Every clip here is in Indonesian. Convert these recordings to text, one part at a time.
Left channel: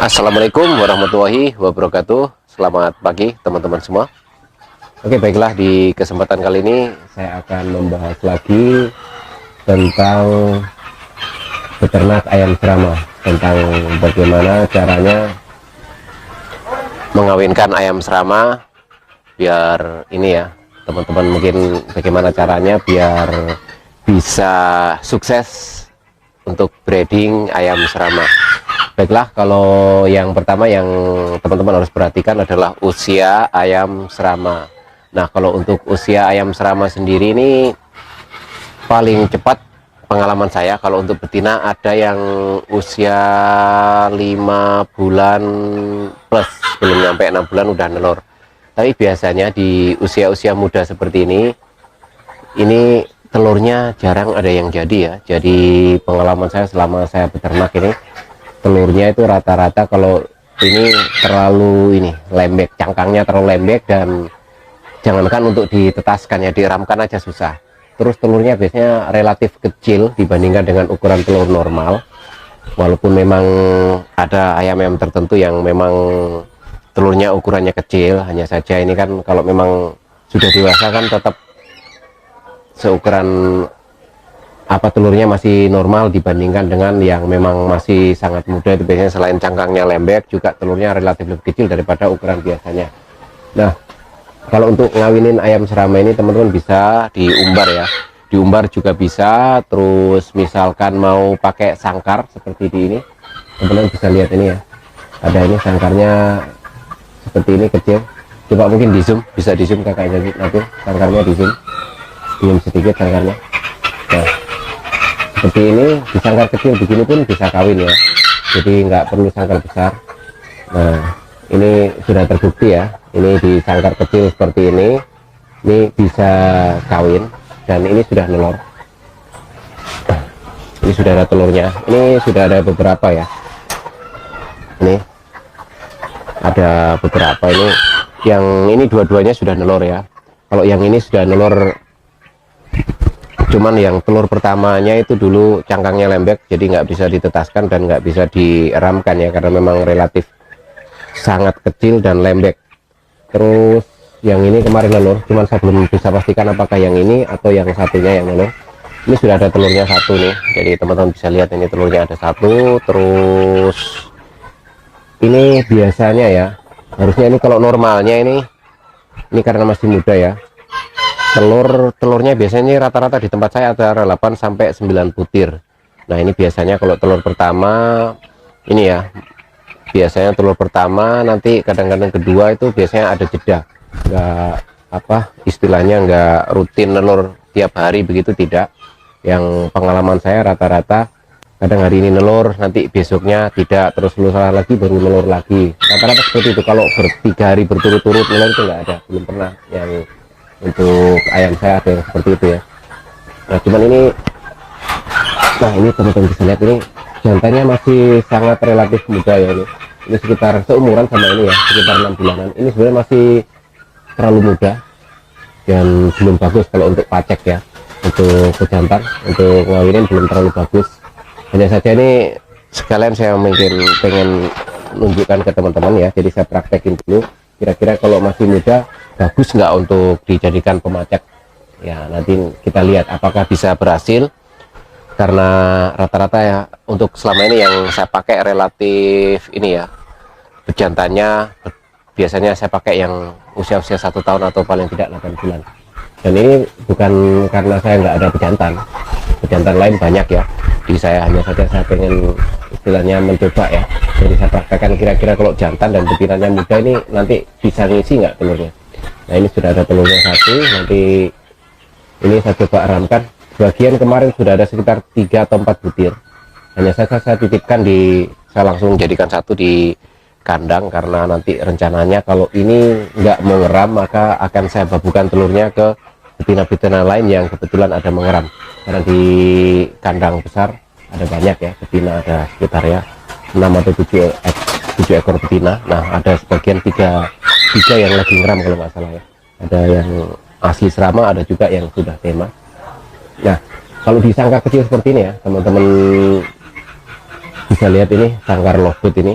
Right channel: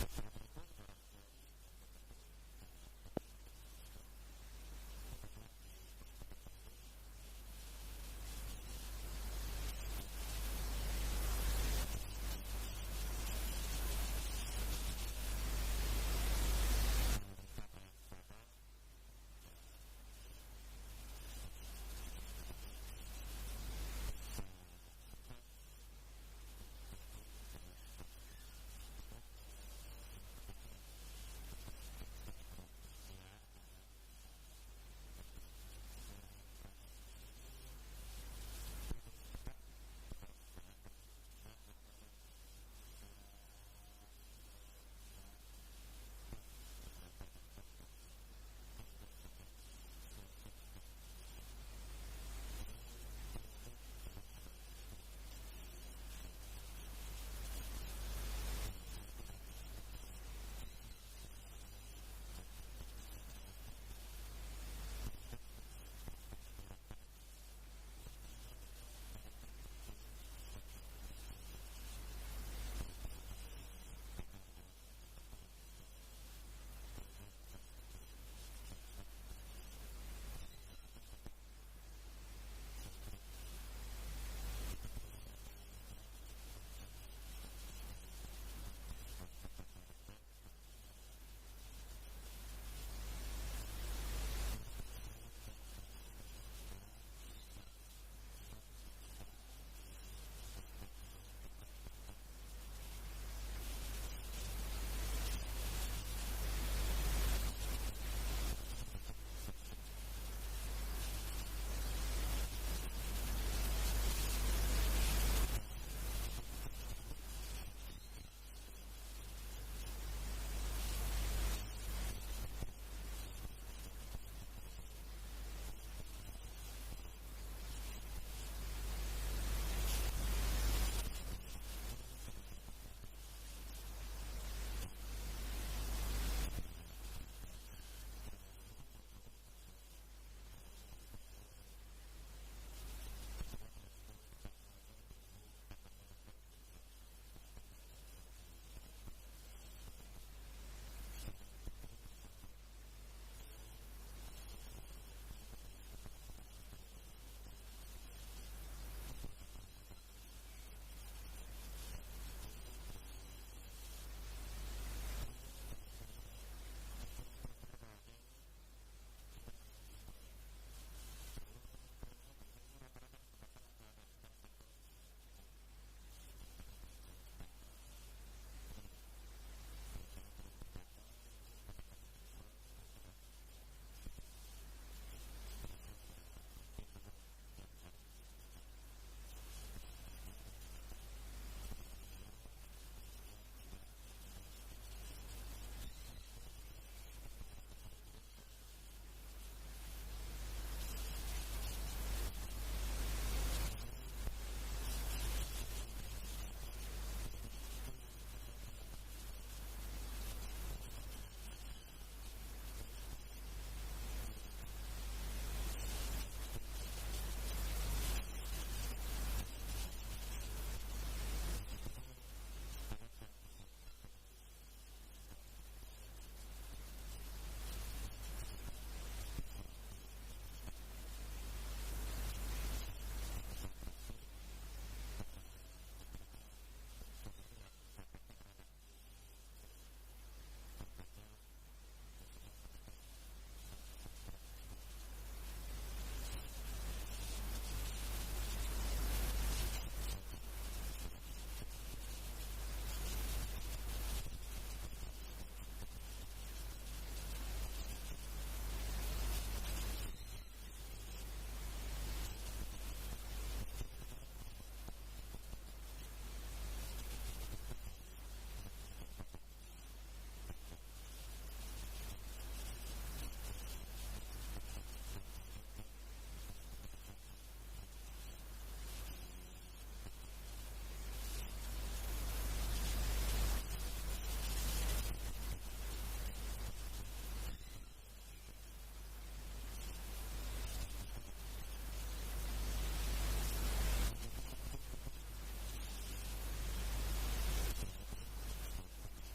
Assalamualaikum warahmatullahi wabarakatuh. Selamat pagi teman-teman semua. Oke, baiklah, di kesempatan kali ini saya akan membahas lagi tentang beternak ayam serama, tentang bagaimana caranya mengawinkan ayam serama biar ini ya teman-teman, mungkin bagaimana caranya biar bisa sukses untuk breeding ayam serama. Baiklah, kalau yang pertama yang teman-teman harus perhatikan adalah usia ayam serama. Nah, kalau untuk usia ayam serama sendiri ini paling cepat pengalaman saya, kalau untuk betina ada yang usia 5 bulan plus, belum nyampe 6 bulan udah nelor. Tapi biasanya di usia-usia muda seperti ini telurnya jarang ada yang jadi ya. Jadi pengalaman saya selama saya beternak ini, telurnya itu rata-rata kalau ini terlalu lembek, cangkangnya terlalu lembek, dan jangankan untuk ditetaskan ya, diramkan aja susah. Terus telurnya biasanya relatif kecil dibandingkan dengan ukuran telur normal, walaupun memang ada ayam-ayam tertentu yang memang telurnya ukurannya kecil. Hanya saja ini kan kalau memang sudah dewasa kan tetap seukuran telurnya masih normal dibandingkan dengan yang memang masih sangat muda. Itu biasanya selain cangkangnya lembek juga telurnya relatif lebih kecil daripada ukuran biasanya. Nah, kalau untuk ngawinin ayam serama ini teman-teman bisa diumbar ya, diumbar juga bisa. Terus misalkan mau pakai sangkar seperti di ini, teman-teman bisa lihat ini ya, ada ini sangkarnya seperti ini kecil. Coba mungkin di zoom, bisa di zoom kakaknya nanti, sangkarnya di zoom sedikit sangkarnya. Nah, seperti ini, di sangkar kecil begini pun bisa kawin ya, jadi nggak perlu sangkar besar. Nah, ini sudah terbukti ya, ini di sangkar kecil seperti ini bisa kawin, dan ini sudah nelor. Ini sudah ada telurnya, ini sudah ada beberapa ya, ini ada beberapa, ini yang ini dua-duanya sudah nelor ya. Kalau yang ini sudah nelor, cuman yang telur pertamanya itu dulu cangkangnya lembek, jadi nggak bisa ditetaskan dan nggak bisa diramkan ya, karena memang relatif sangat kecil dan lembek. Terus yang ini kemarin nelur, cuman saya belum bisa pastikan apakah yang ini atau yang satunya yang nelur. Ini sudah ada telurnya satu nih, jadi teman-teman bisa lihat ini telurnya ada satu. Terus ini biasanya ya, harusnya ini kalau normalnya ini karena masih muda ya, telurnya biasanya rata-rata di tempat saya ada 8 sampai 9 butir. Nah, ini biasanya kalau telur pertama ini ya, biasanya telur pertama, nanti kadang-kadang kedua itu biasanya ada jeda, nggak istilahnya nggak rutin nelur tiap hari begitu, tidak. Yang pengalaman saya rata-rata kadang hari ini nelur, nanti besoknya tidak, terus lusa lagi baru nelur lagi, rata-rata seperti itu. Kalau 3 hari berturut-turut nelur itu nggak ada, belum pernah yang untuk ayam saya ada yang seperti itu ya. Nah, cuman ini, nah ini teman-teman bisa lihat, ini jantannya masih sangat relatif muda ya. Ini sekitar seumuran sama ini ya, sekitar 6 bulanan. Ini sebenarnya masih terlalu muda dan belum bagus kalau untuk pacek ya, untuk pejantan, untuk ngawinin belum terlalu bagus. Hanya saja ini sekalian saya mungkin pengen menunjukkan ke teman-teman ya, jadi saya praktekin dulu kira-kira kalau masih muda bagus nggak untuk dijadikan pemacak ya. Nanti kita lihat apakah bisa berhasil, karena rata-rata ya untuk selama ini yang saya pakai relatif ini ya, bejantannya biasanya saya pakai yang usia-usia 1 tahun atau paling tidak 8 bulan. Dan ini bukan karena saya nggak ada bejantan lain banyak ya di saya, hanya saja saya pengen istilahnya mencoba ya. Jadi saya praktekkan kira-kira kalau jantan dan betinanya muda ini nanti bisa ngisi nggak telurnya. Nah, ini sudah ada telurnya satu, nanti ini saya coba ramkan. Bagian kemarin sudah ada sekitar 3 atau 4 butir, hanya saja saya titipkan saya langsung jadikan satu di kandang, karena nanti rencananya kalau ini nggak mengeram maka akan saya babukan telurnya ke betina-betina lain yang kebetulan ada mengeram, karena di kandang besar ada banyak ya betina, ada sekitar ya 6 atau 7 ekor betina. Nah, ada sebagian tiga yang lagi ngeram kalau nggak salah ya, ada yang asli serama, ada juga yang sudah tema. Nah, kalau di sangkar kecil seperti ini ya teman-teman bisa lihat, ini sangkar lowfoot ini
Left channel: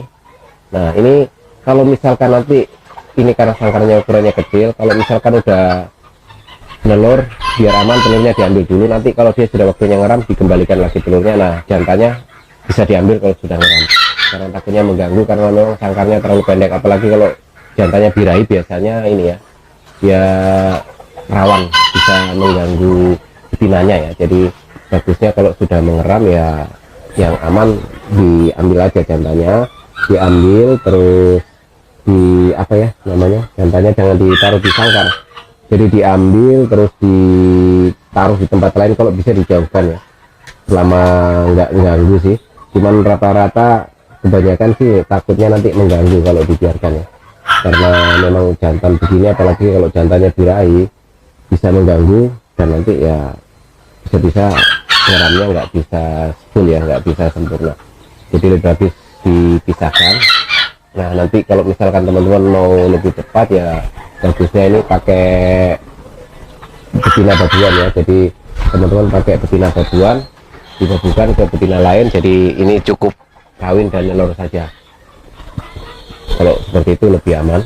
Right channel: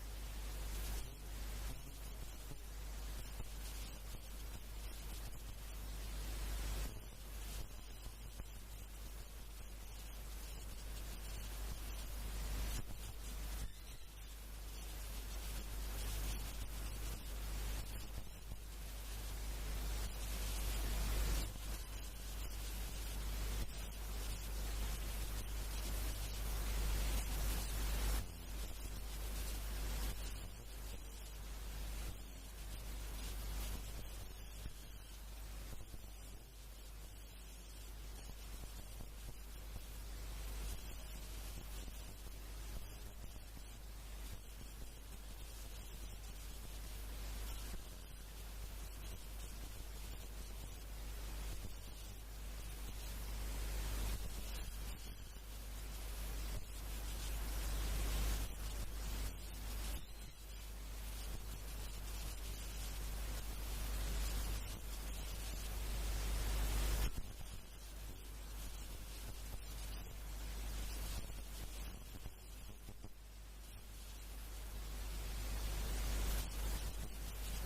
Nah ini kalau misalkan nanti ini karena sangkarnya ukurannya kecil, kalau misalkan udah nelur, biar aman telurnya diambil dulu, nanti kalau dia sudah waktunya ngeram dikembalikan lagi telurnya. Nah jantannya bisa diambil kalau sudah ngeram, karena takutnya mengganggu karena memang sangkarnya terlalu pendek, apalagi kalau jantannya birahi biasanya ini ya, dia rawan bisa mengganggu betinanya ya. Jadi bagusnya kalau sudah mengeram ya yang aman diambil aja jantannya, diambil terus di apa ya namanya, jantannya jangan ditaruh di sangkar, jadi diambil terus ditaruh di tempat lain, kalau bisa dijauhkan ya, selama nggak mengganggu sih. Cuman rata-rata kebanyakan sih takutnya nanti mengganggu kalau dibiarkan ya, karena memang jantan begini apalagi kalau jantannya birahi bisa mengganggu, dan nanti ya bisa-bisa ngeramnya nggak bisa full ya, nggak bisa sempurna, jadi lebih bagus dipisahkan. Nah nanti kalau misalkan teman-teman mau lebih cepat ya bagusnya ini pakai betina babuan ya, jadi teman-teman pakai betina babuan dibabukan ke betina lain, jadi ini cukup kawin dan nelor saja, kalau seperti itu lebih aman.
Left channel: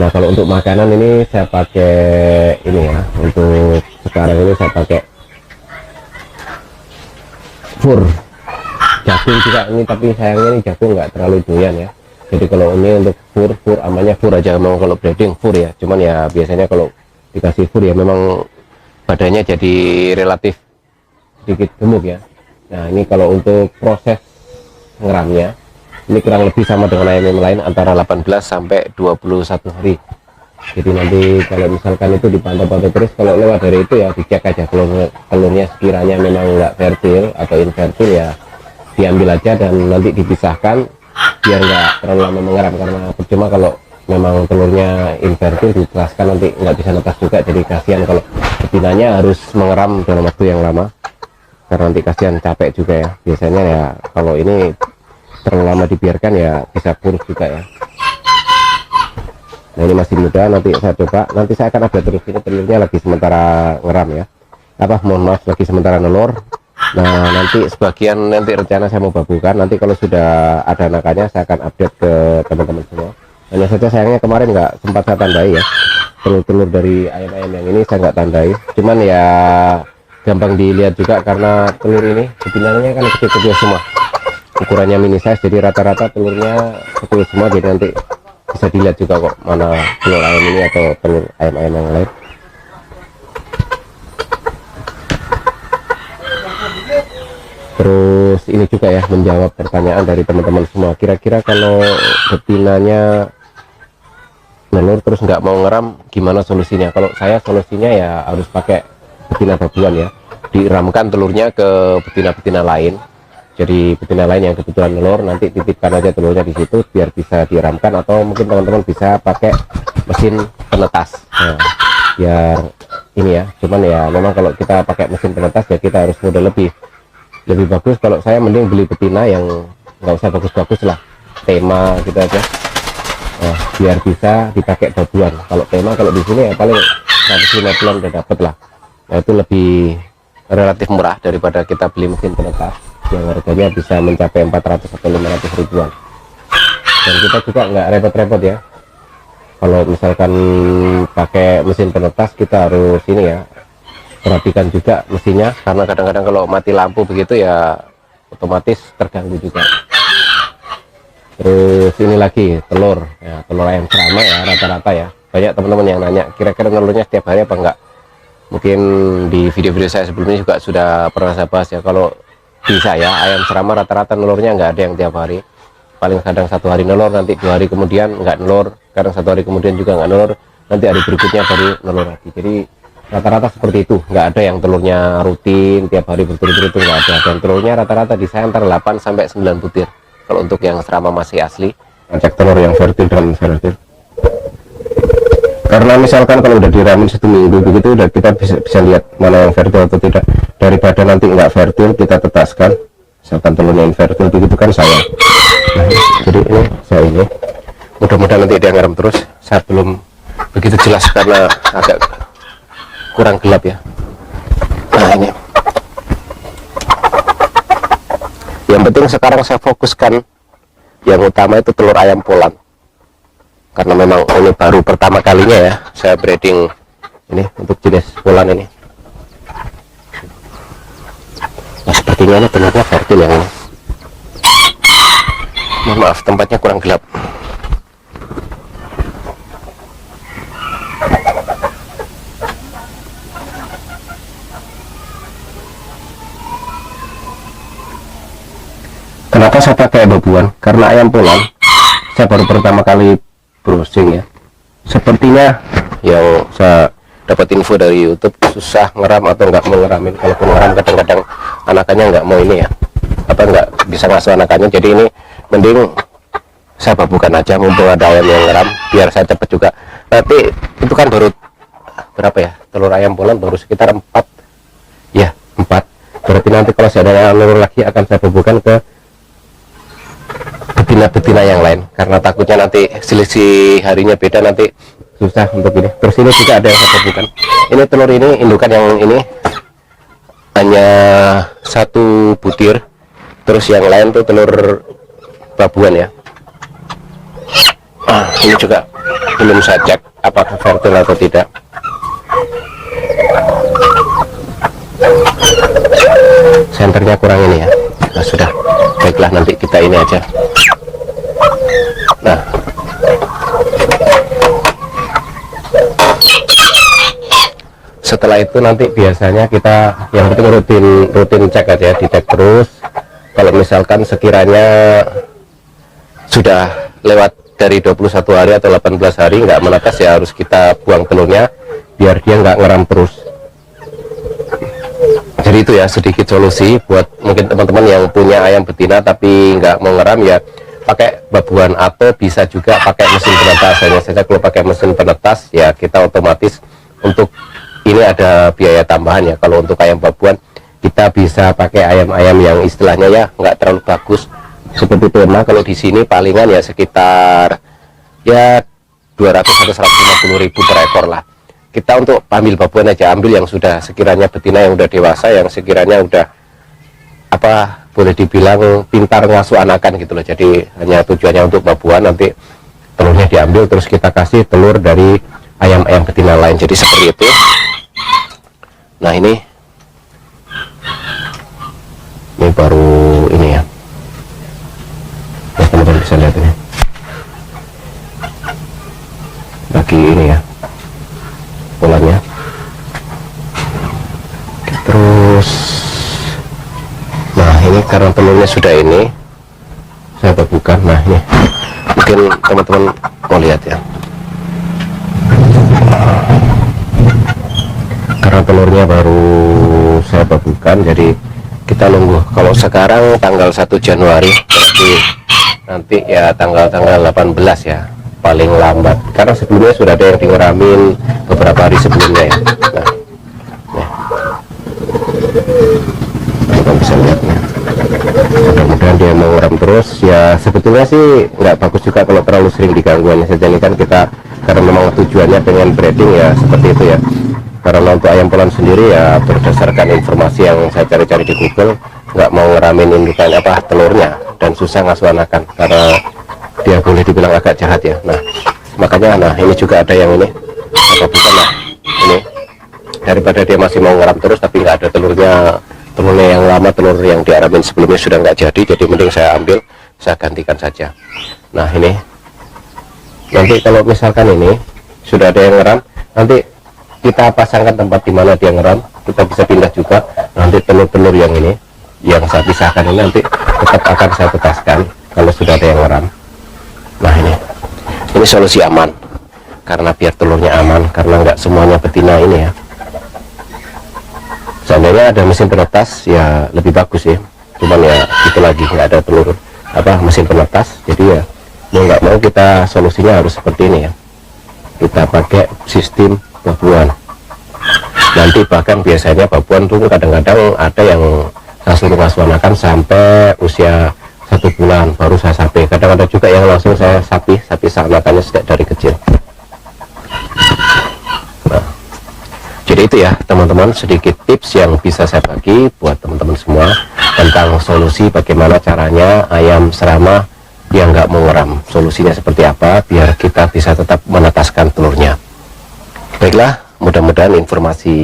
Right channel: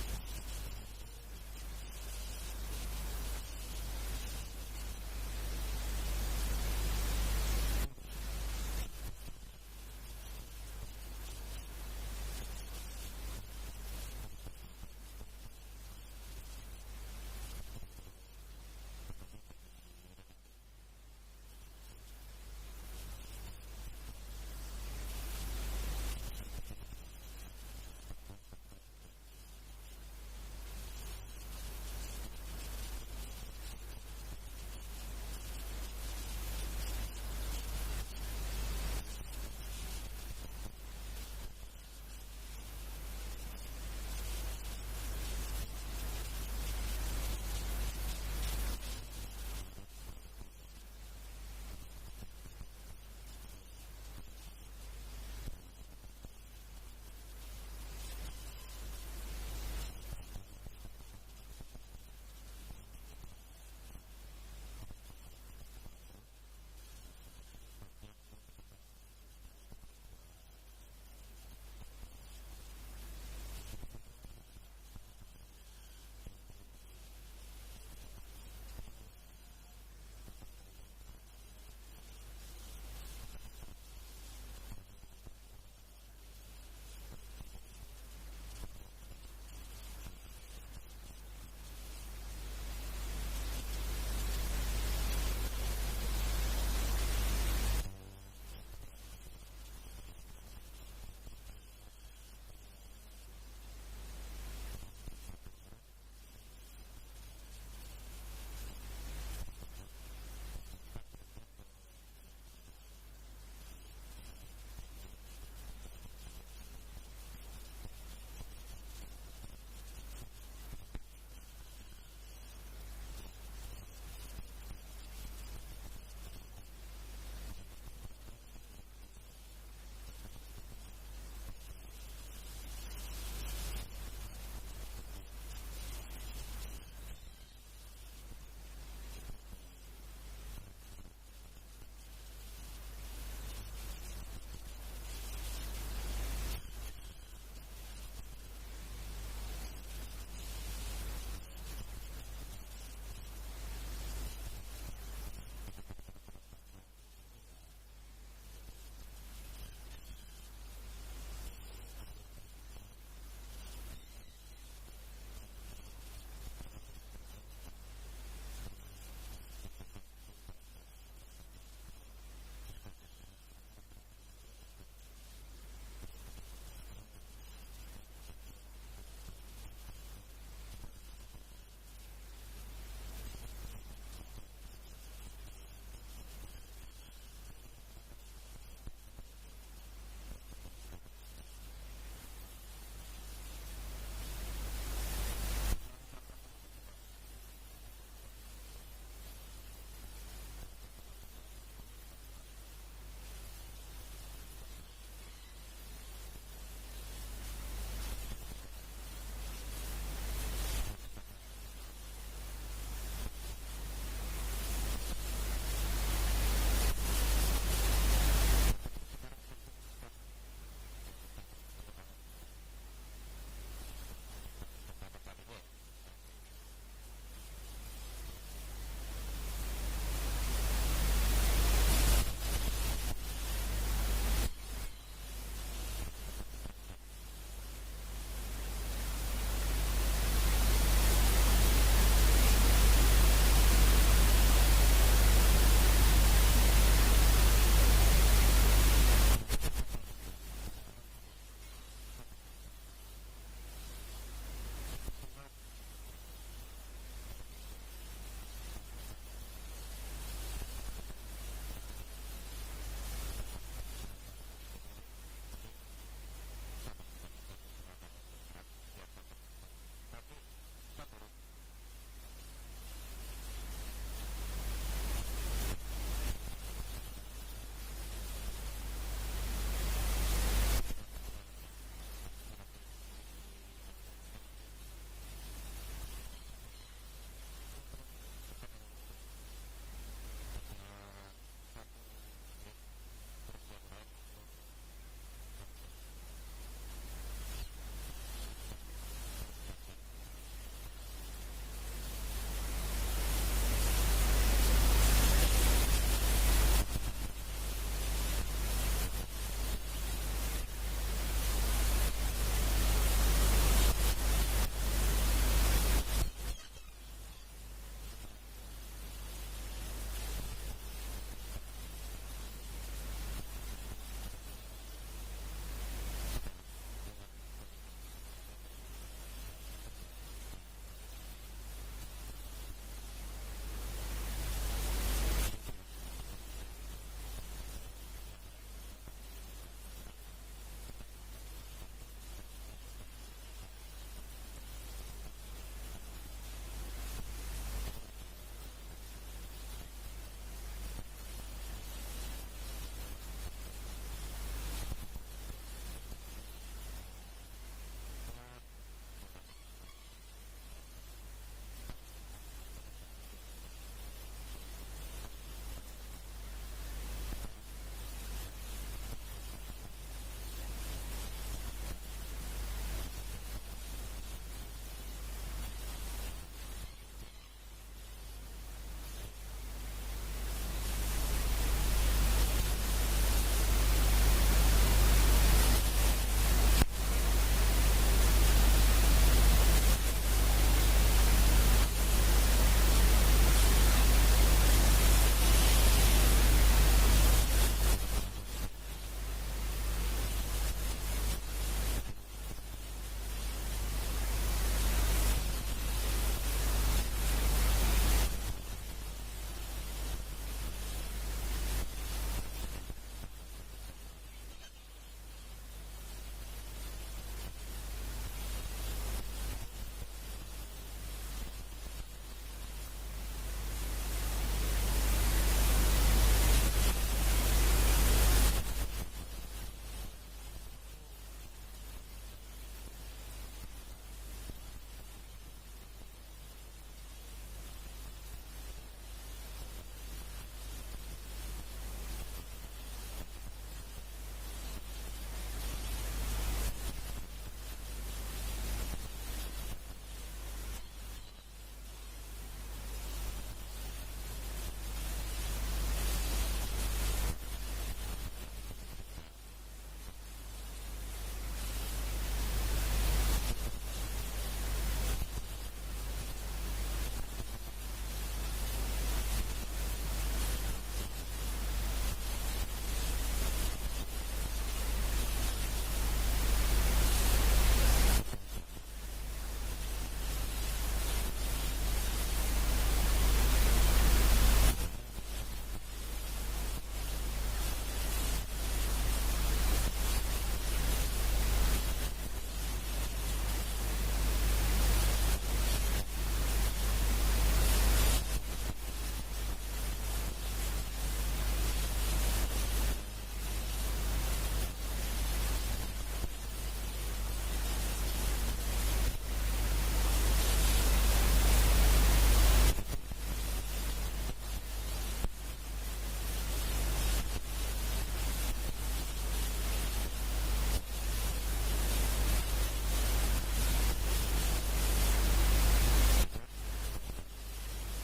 Nah kalau untuk makanan ini saya pakai ini ya, untuk sekarang ini saya pakai fur jagung juga ini, tapi sayangnya ini jagung nggak terlalu doyan ya, jadi kalau ini untuk fur amannya fur aja, memang kalau breeding fur ya, cuman ya biasanya kalau dikasih fur ya memang badannya jadi relatif sedikit gemuk ya. Nah ini kalau untuk proses ngeramnya ini kurang lebih sama dengan ayam lain, antara 18 sampai 21 hari. Jadi nanti kalau misalkan itu dipantau-pantau terus, kalau lewat dari itu ya dicek aja telurnya sekiranya memang nggak fertil atau infertil ya diambil aja dan nanti dipisahkan biar nggak terlalu lama mengeram, karena percuma kalau memang telurnya infertil ditelaskan nanti nggak bisa netas juga, jadi kasihan kalau betinanya harus mengeram dalam waktu yang lama, karena nanti kasihan capek juga ya. Biasanya ya kalau ini terlalu lama dibiarkan ya bisa kurus juga ya. Nah ini masih muda, nanti saya coba, nanti saya akan update terus, ini telurnya lagi sementara ngeram ya, mohon maaf lagi sementara nelur. Nah nanti sebagian nanti rencana saya mau babukan, nanti kalau sudah ada anakannya saya akan update ke teman-teman semua. Hanya saja sayangnya kemarin nggak sempat saya tandai ya, telur-telur dari ayam-ayam yang ini saya nggak tandai, cuman ya gampang dilihat juga karena telur ini betinanya kan kecil-kecil semua, ukurannya mini size, jadi rata-rata telurnya kecil semua, jadi nanti bisa dilihat juga kok mana telur ayam ini atau telur ayam-ayam yang lain. Terus ini juga ya menjawab pertanyaan dari teman-teman semua, kira-kira kalau betinanya nelur terus nggak mau ngeram gimana solusinya? Kalau saya solusinya ya harus pakai betina babuan ya, diramkan telurnya ke betina-betina lain, jadi betina lain yang kebetulan nelur nanti titipkan aja telurnya di situ biar bisa diramkan, atau mungkin teman-teman bisa pakai mesin penetas. Nah, biar ini ya, cuman ya memang kalau kita pakai mesin penetas ya kita harus modal lebih bagus. Kalau saya mending beli betina yang nggak usah bagus-bagus lah, tema gitu aja. Nah, biar bisa dipakai babuan. Kalau tema kalau di sini ya paling 150-an udah dapet lah. Nah, itu lebih relatif murah daripada kita beli mesin penetas yang harganya bisa mencapai 400 atau 500 ribuan. Dan kita juga nggak repot-repot ya, kalau misalkan pakai mesin penetas kita harus ini ya, perhatikan juga mesinnya, karena kadang-kadang kalau mati lampu begitu ya otomatis terganggu juga. Terus ini lagi telur ya, telur ayam serama ya, rata-rata ya banyak teman-teman yang nanya kira-kira telurnya setiap hari apa enggak. Mungkin di video-video saya sebelumnya juga sudah pernah saya bahas ya, kalau bisa ya ayam serama rata-rata telurnya nggak ada yang tiap hari, paling kadang 1 hari nelur, nanti 2 hari kemudian nggak nelur, kadang 1 hari kemudian juga nggak nelur, nanti hari berikutnya baru nelur lagi. Jadi rata-rata seperti itu, nggak ada yang telurnya rutin tiap hari berturut-turut, itu nggak ada. Dan telurnya rata-rata di saya antara 8 sampai 9 butir kalau untuk yang serama masih asli. Cek telur yang fertil dan infertil, karena misalkan kalau udah diramin 1 minggu begitu udah kita bisa lihat mana yang fertil atau tidak, daripada nanti nggak fertil kita tetaskan misalkan telurnya infertil begitu kan sayang. Nah, jadi ini saya ini mudah-mudahan nanti dia ngerem terus, saya belum begitu jelas karena agak kurang gelap ya. Nah ini yang penting sekarang saya fokuskan yang utama itu telur ayam Poland, karena memang ini baru pertama kalinya ya saya breeding ini untuk jenis Poland ini. Nah, sepertinya ini telurnya fertil yang ini. Mohon maaf tempatnya kurang gelap. Kenapa saya pakai babuan? Karena ayam Poland saya baru pertama kali browsing ya. Sepertinya yang saya dapat info dari YouTube susah ngeram atau nggak mau ngeramin. Kalau ngeram kadang-kadang anakannya nggak mau ini ya, apa nggak bisa ngasuh anakannya. Jadi ini mending saya babukan aja mumpung ada ayam yang ngeram, biar saya cepet juga. Nanti itu kan baru berapa ya, telur ayam Poland baru sekitar 4 ya, 4. Berarti nanti kalau saya ada telur lagi akan saya babukan ke betina-betina yang lain, karena takutnya nanti selisih harinya beda, nanti susah untuk ini. Terus ini juga ada yang saya babukan. Ini telur ini indukan yang ini hanya 1 butir, terus yang lain tuh telur babuan ya. Ini juga belum saya cek apakah fertil atau tidak. Senternya kurang ini ya. Nah sudah, baiklah nanti kita ini aja. Nah, setelah itu nanti biasanya kita yang penting rutin cek aja, dicek terus. Kalau misalkan sekiranya sudah lewat dari 21 hari atau 18 hari nggak menetas, ya harus kita buang telurnya biar dia nggak ngeram terus. Jadi itu ya sedikit solusi buat mungkin teman-teman yang punya ayam betina tapi nggak mau ngeram, ya pakai babuan atau bisa juga pakai mesin penetas. Hanya saja kalau pakai mesin penetas ya kita otomatis untuk ini ada biaya tambahan ya. Kalau untuk ayam babuan kita bisa pakai ayam-ayam yang istilahnya ya nggak terlalu bagus seperti Perma. Kalau di sini palingan ya sekitar ya 200 sampai 150 ribu per ekor lah. Kita untuk ambil babuan aja, ambil yang sudah sekiranya betina yang udah dewasa, yang sekiranya udah apa boleh dibilang pintar ngasuh anakan gitu loh. Jadi hanya tujuannya untuk babuan, nanti telurnya diambil terus kita kasih telur dari ayam-ayam betina lain. Jadi seperti itu. Nah ini baru ini ya, teman-teman bisa lihat ini lagi ini ya polanya. Terus nah ini karena telurnya sudah ini saya babukan. Nah ini mungkin teman-teman mau lihat ya, karena telurnya baru saya babukan, jadi kita nunggu. Kalau sekarang tanggal 1 Januari berarti nanti ya tanggal 18 ya paling lambat, karena sebelumnya sudah ada yang ngeramin beberapa hari sebelumnya ya. Nah, kita bisa lihat nih, mudah-mudahan dia mau ngeram terus ya. Sebetulnya sih nggak bagus juga kalau terlalu sering diganggu, hanya saja ini kan kita karena memang tujuannya pengen breeding ya seperti itu ya. Karena untuk ayam Poland sendiri ya berdasarkan informasi yang saya cari-cari di Google, nggak mau ngeramin indukan apa telurnya dan susah ngasuh anakan karena dia boleh dibilang agak jahat ya. Nah makanya nah ini juga ada yang ini apa bukan, nah ini daripada dia masih mau ngeram terus tapi nggak ada telurnya yang lama, telur yang diaramin sebelumnya sudah nggak jadi mending saya ambil, saya gantikan saja. Nah ini nanti kalau misalkan ini sudah ada yang ngeram, nanti kita pasangkan tempat di mana dia ngeram, kita bisa pindah juga. Nanti telur-telur yang ini yang saya pisahkan ini nanti tetap akan saya tetaskan kalau sudah ada yang ngeram. Nah ini solusi aman, karena biar telurnya aman, karena nggak semuanya betina ini ya. Seandainya ada mesin penetas ya lebih bagus ya, cuman ya itu lagi nggak ada telur apa mesin penetas, jadi ya mau nggak mau kita solusinya harus seperti ini ya, kita pakai sistem babuan. Nanti bahkan biasanya babuan tuh kadang-kadang ada yang saya suruh ngasuh anakan sampai usia 1 bulan baru saya sapi. Kadang ada juga yang langsung saya sapi anakannya sejak dari kecil. Nah, jadi itu ya teman-teman, sedikit tips yang bisa saya bagi buat teman-teman semua tentang solusi bagaimana caranya ayam serama yang nggak mau ngeram. Solusinya seperti apa biar kita bisa tetap menetaskan telurnya. Baiklah, mudah-mudahan informasi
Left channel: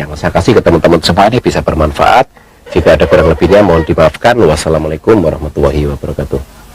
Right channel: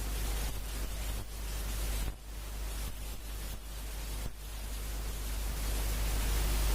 yang saya kasih ke teman-teman semua ini bisa bermanfaat. Jika ada kurang lebihnya mohon dimaafkan. Wassalamualaikum warahmatullahi wabarakatuh.